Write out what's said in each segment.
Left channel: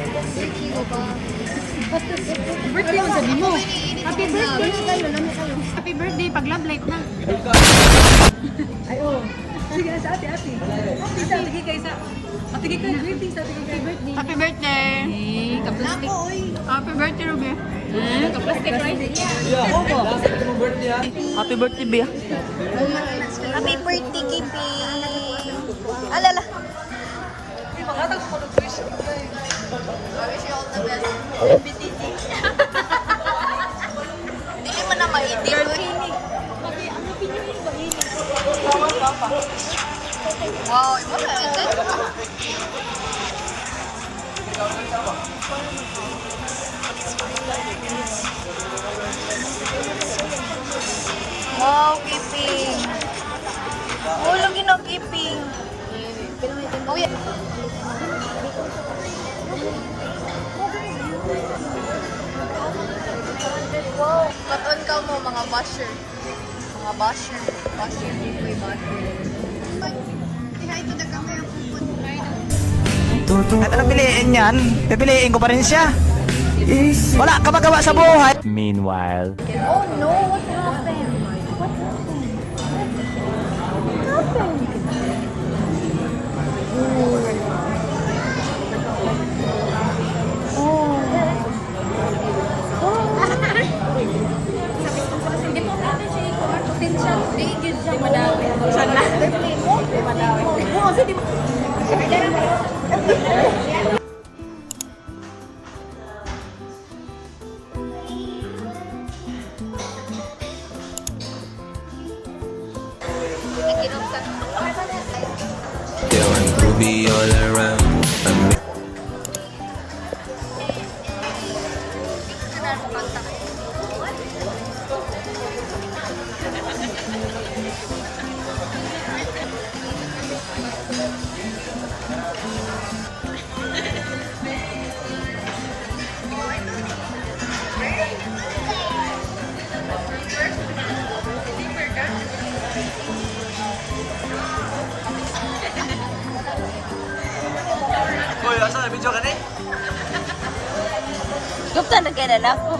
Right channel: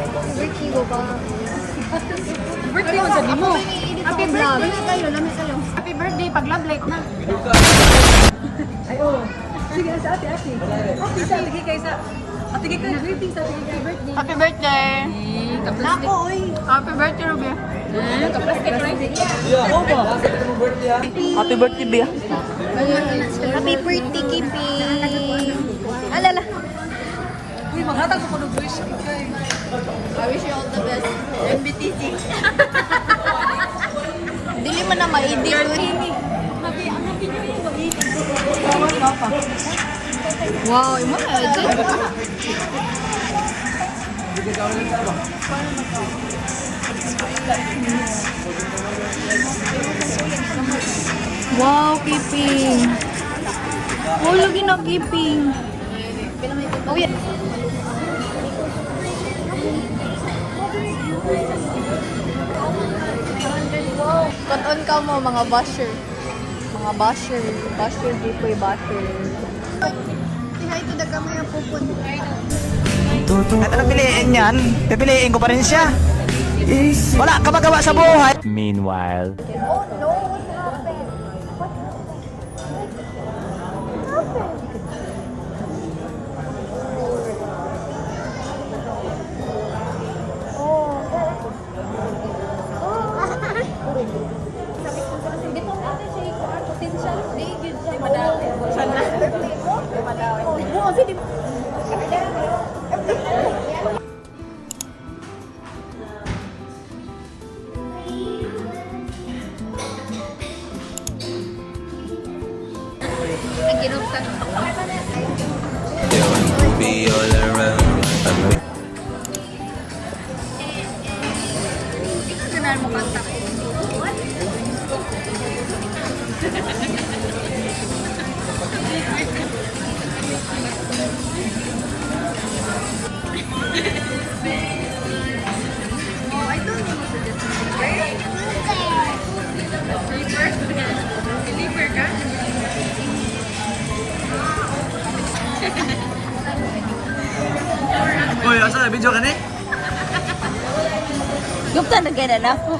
Birthday mo ba? Birthday mo sabi mo. Happy vlog. Happy birthday, pag love life na. Ay, oh. Sige, sa ate. Okay, sige kayo sa... Sige kayo. Birthday sa ate. Birthday. Happy birthday. Nako, oy. Happy birthday, Ruby. Kaplastic rice. Happy birthday, Bea. Happy birthday, Kiping. Alala. Uy, maghatag ko ng wish. I wish you all the best. MBTC. Dili man na ma-edit. Wow, imo na edit. Wow, Kiping. Oh, lagi na Kiping. Oh, yeah. Wow, katon ka mo mga basher. Mga basher. Basher, giveaway basher. Ay, ito na kami ang pupunta. At ano piliin yan? Pipiliin ko pa rin siya. Wala ka magawa sa buhay. Meanwhile. Oh no, what happened? What happened? What happened? Oh. Feeling groovy all around. Uy, asa video ka ni? Gupta na kaya na ako.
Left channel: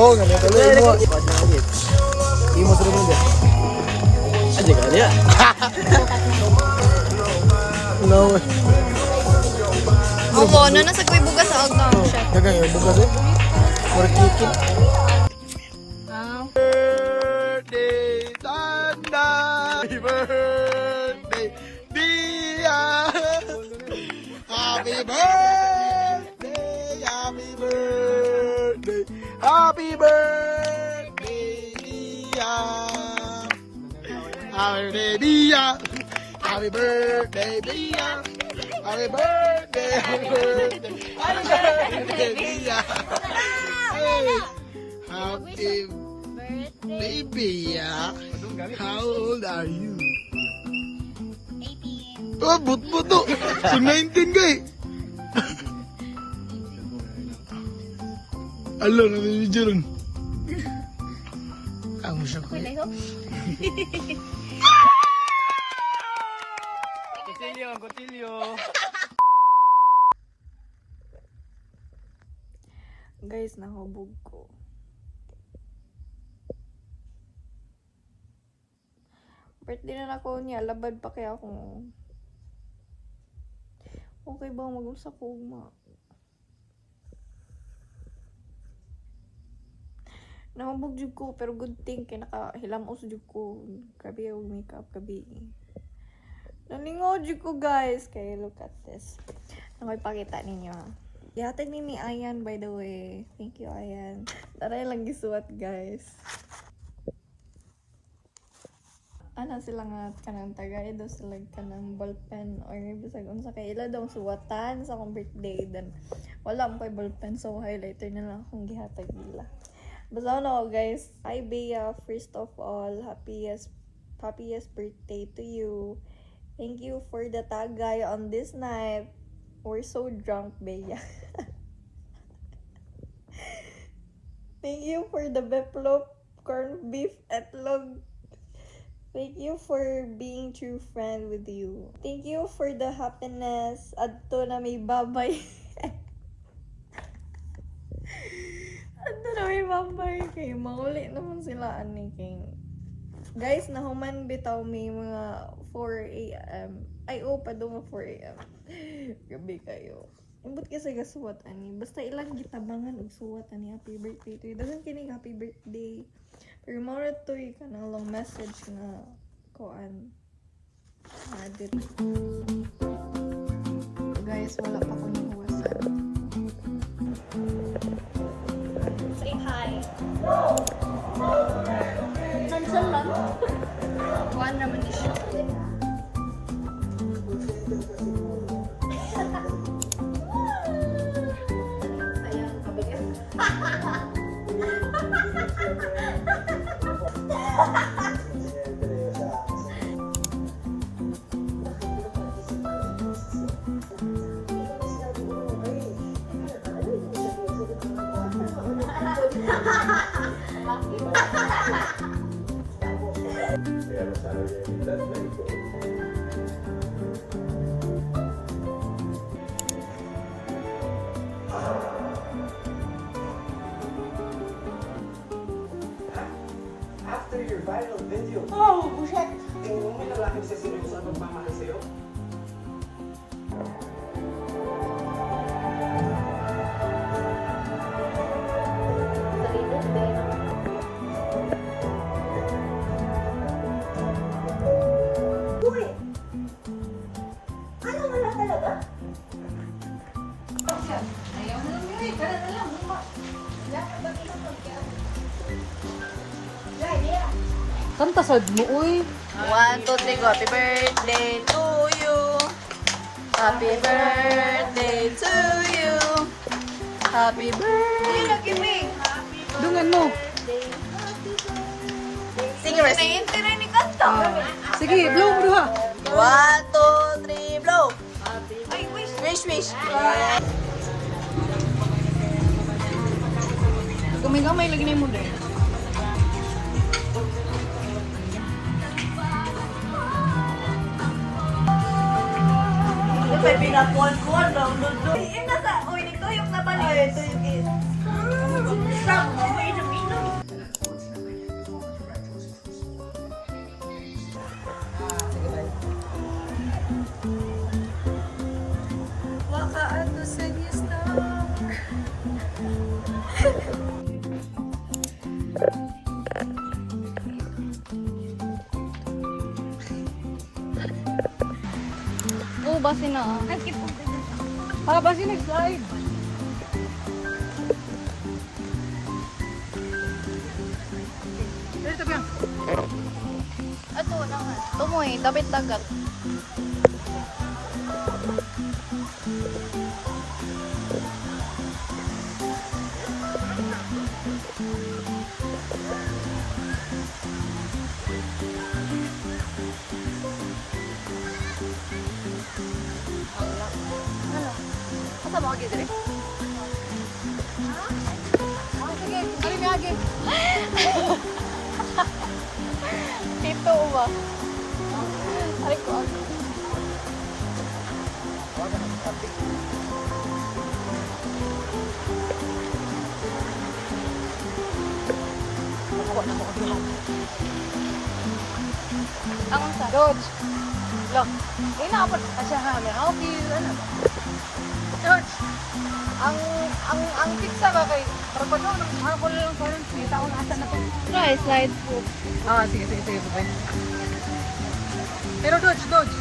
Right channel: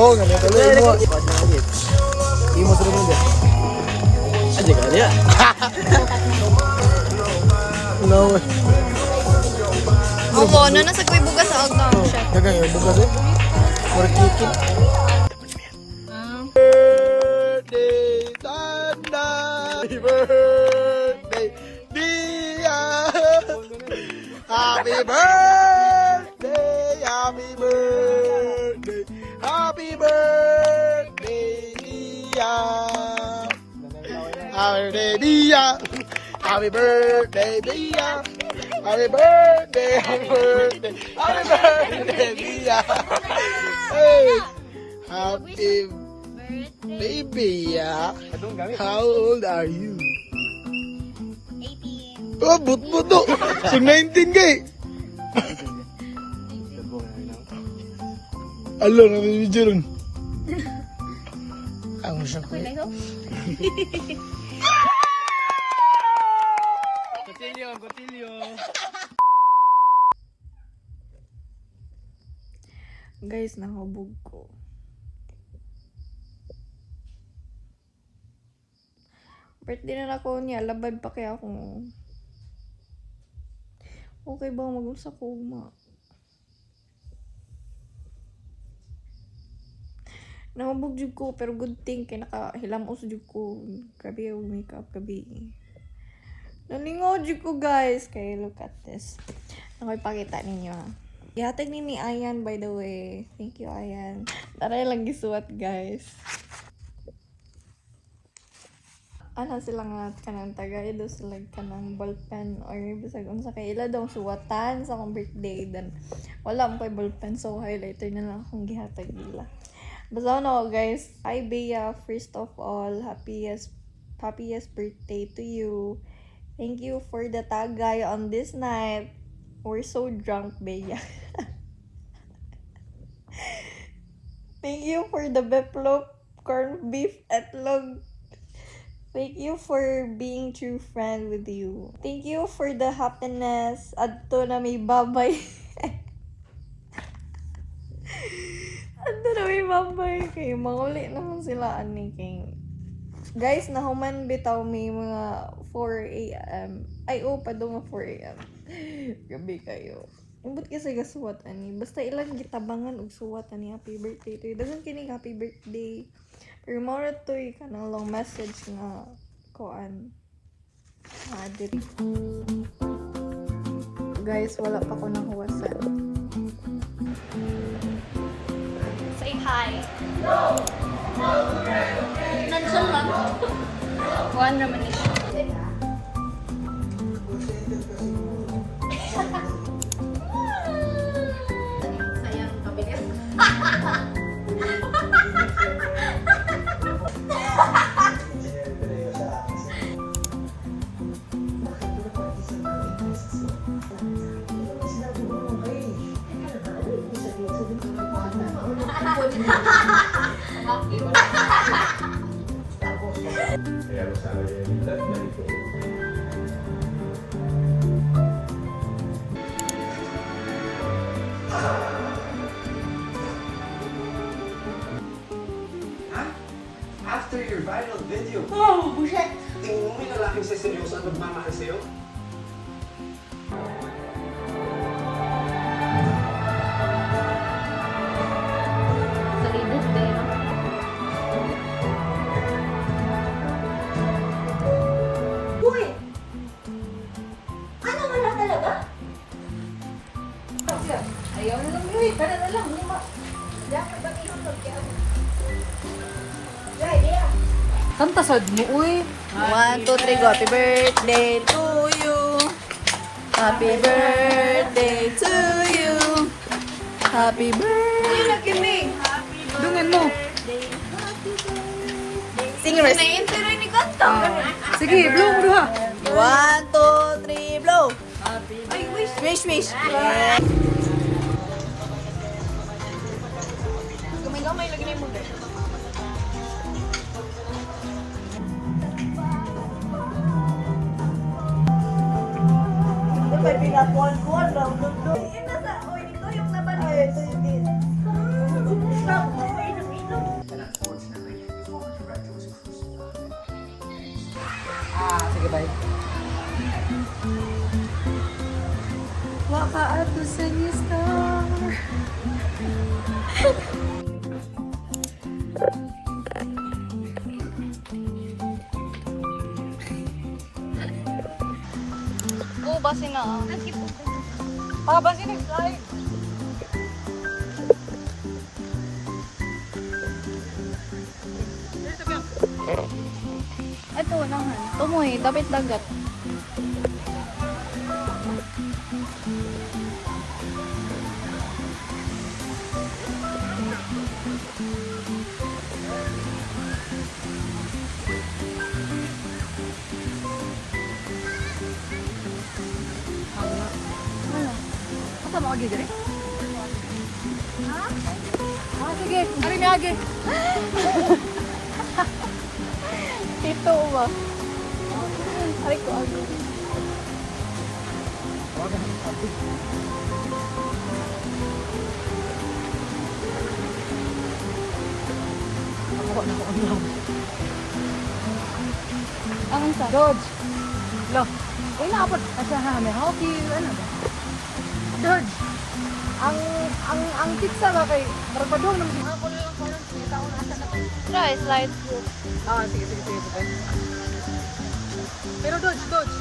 Oh, nga tuloy mo. Imo sa mo dia. Aja ka dia. No. Oo, ano na sa kuy bugas sa agdang siya. Dagang yung bukas eh. For kicking. Birthday, Tanda! Happy birthday, Dia! Happy birthday, happy birthday, happy birthday, Dia! Happy birthday, Dia! Happy birthday, Dia! Happy birthday, happy birthday, happy birthday, Dia! Hey! Happy baby, yeah. How old are you? 18. Oh, but no. So 19 kay. Alo, nabibidyo ron. Ang siya ko. Kotilyo. Guys, nakabog ko. Birthday na ako niya, labad pa kaya ako. Okay ba mag-usap ko ma? Nakabog jud ko, pero good thing kay nakahilamos jud ko. Grabe yung makeup, gabi. Nalingaw jud ko guys, kay look at this. Nakipakita ninyo. Ihatag ni Ayan by the way. Thank you Ayan. Taray lang gisuwat guys. Ana sila nga kanang tagay do sila kanang ballpen or bisag unsa kay ila daw suwatan sa akong birthday then wala mo kay ballpen so highlighter na lang akong gihatag nila. Basta na guys, hi Bea, first of all, happiest birthday to you. Thank you for the tagay on this night. We're so drunk, Bea. Thank you for the beplop, corned beef etlog. Thank you for being true friend with you. Thank you for the happiness. Adto na may babay. Adto na may babay. Kay manguli naman sila ani kay. Guys, nahuman bitaw may mga 4 AM. Ay, pa daw 4 AM. Gabi kayo. Imbot kasi gasuwat ani. Basta ilang gitabangan og suwat ani happy birthday to you. Dagan kini happy birthday. Pero more to ka ng long message na koan. Adit. Guys, wala pa ko ng huwasan. Say hi. Nandiyan lang. Kuan naman ni siya. After your viral video, tingin mo yung lalaki sa seryoso at magmamahal sa'yo? Uy! Ano wala talaga? Ayaw na lang yun eh. Para na lang. Lima. Dapat ba ito pagkiyaan? Dahil yan. Ang tasad ni uy. 1, 2, 3, go. Happy birthday to you. Happy birthday to you. Happy birthday. Tungan mo. Sing rest. Sige, doon ka. 1, 2, 3, blow. Wish, wish. Yeah. Gamay-gamay lagi na mo na. May pinakuan-kuan lang. Nasa, uy, dito yung naman. Ay, ito yung Ato sa new star. Oo, base na ah. Baka siya nag-slide. Dito ba? Ito naman. Tumoy, dapat dagat. Asa mo agi dire? Sige, diri na agi. Ito ba? Ay ko ano. Ang sa George. Lang. Uy, naabot kasi hangin. Okay, ano? George. Ang pizza ba kay Barbado nang ako lang parang 3 taon asa na to. try slide. Ah, sige, sige, sige. Pero George, George.